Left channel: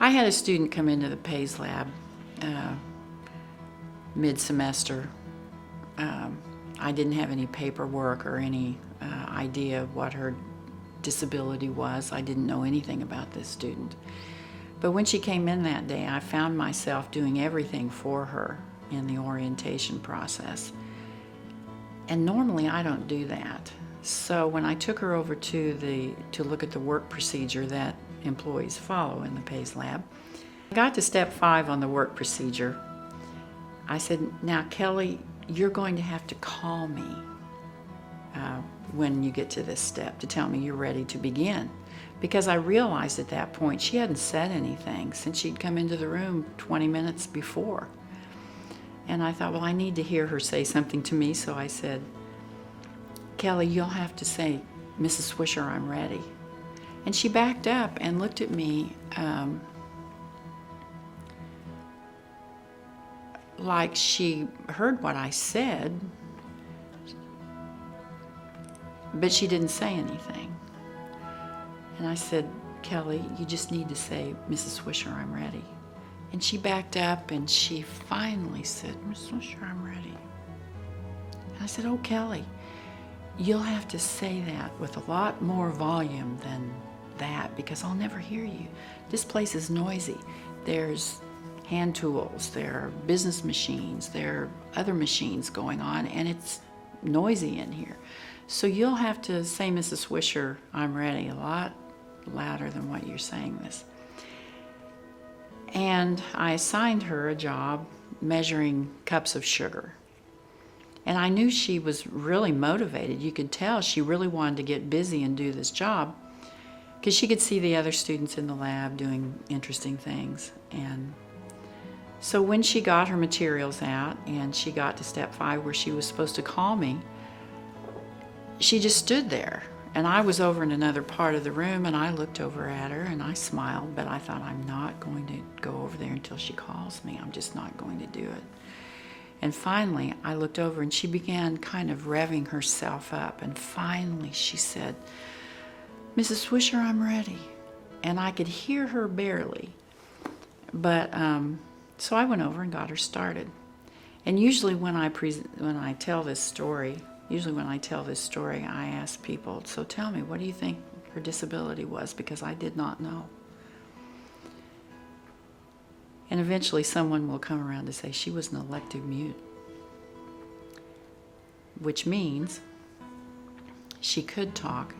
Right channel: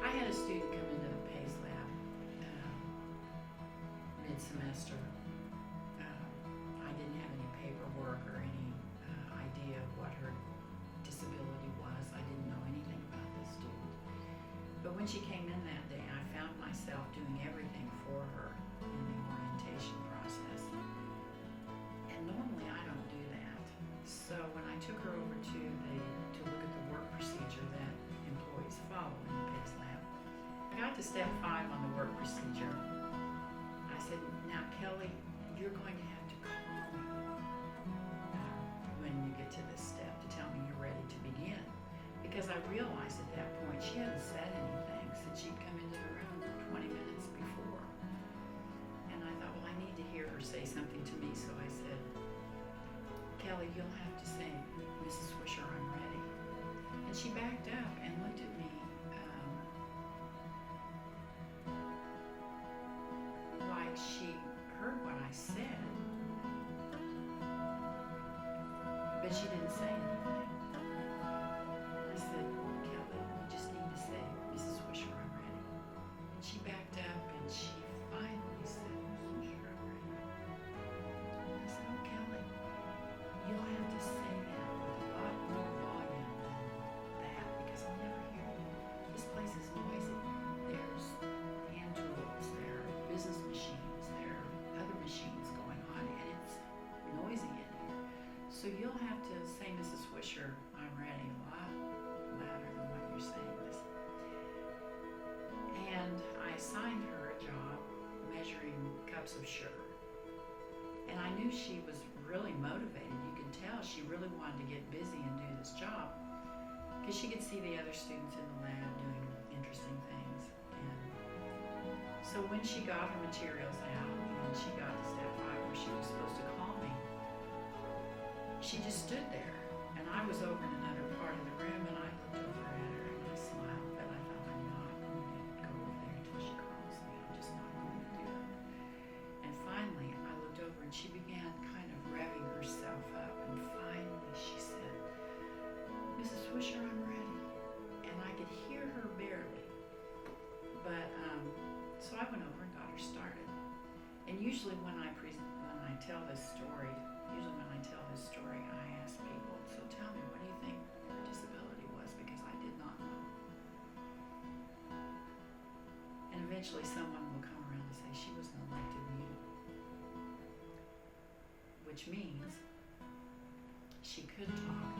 I had a student come into the PAES lab mid-semester. I didn't have any paperwork or any idea of what her disability was. I didn't know anything about this student. But when she came in that day, I found myself doing everything for her in the orientation process. And normally I don't do that. So when I took her over to look at the work procedure that employees follow in the PAES lab, I got to step 5 on the work procedure. I said, now Kelly, you're going to have to call me when you get to this step to tell me you're ready to begin. Because I realized at that point she hadn't said anything since she'd come into the room 20 minutes before. And I thought, well, I need to hear her say something to me, so I said, Kelly, you'll have to say, Mrs. Swisher, I'm ready. And she backed up and looked at me like she heard what I said, but she didn't say anything. And I said, Kelly, you just need to say, Mrs. Swisher, I'm ready. And she backed up and she finally said, Mrs. Swisher, I'm ready. And I said, oh, Kelly, you'll have to say that with a lot more volume than that because I'll never hear you. This place is noisy. There's hand tools, there are business machines, there are other machines going on, and it's noisy in here. So you'll have to say, Mrs. Swisher, I'm ready, a lot louder than what you're saying this. And I assigned her a job measuring cups of sugar. And I knew she was really motivated. You could tell she really wanted to get busy and do this job because she could see the other students in the lab doing interesting things. And so when she got her materials out and she got to step 5 where she was supposed to call me, she just stood there. And I was over in another part of the room and I looked over at her and I smiled, but I thought, I'm not going to go over there until she calls me. I'm just not going to do it. And finally, I looked over and she began kind of revving herself up. And finally she said, Mrs. Swisher, I'm ready. And I could hear her barely. But so I went over and got her started. And usually when I tell this story, I ask people, so tell me, what do you think her disability was? Because I did not know. And eventually someone will come around to say she was an elective mute, which means she could talk.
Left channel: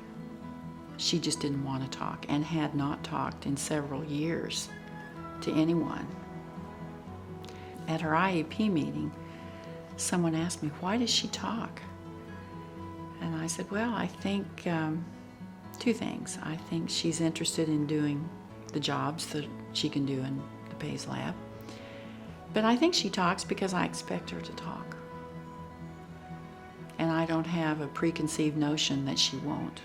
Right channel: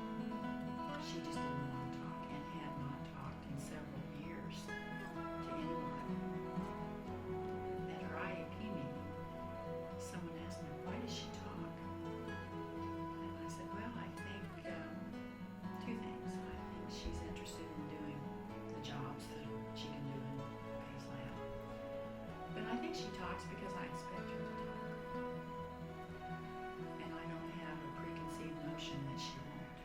She just didn't want to talk and had not talked in several years to anyone. At her IEP meeting, someone asked me, why does she talk? And I said, well, I think 2 things. I think she's interested in doing the jobs that she can do in the PAES lab. But I think she talks because I expect her to talk. And I don't have a preconceived notion that she won't.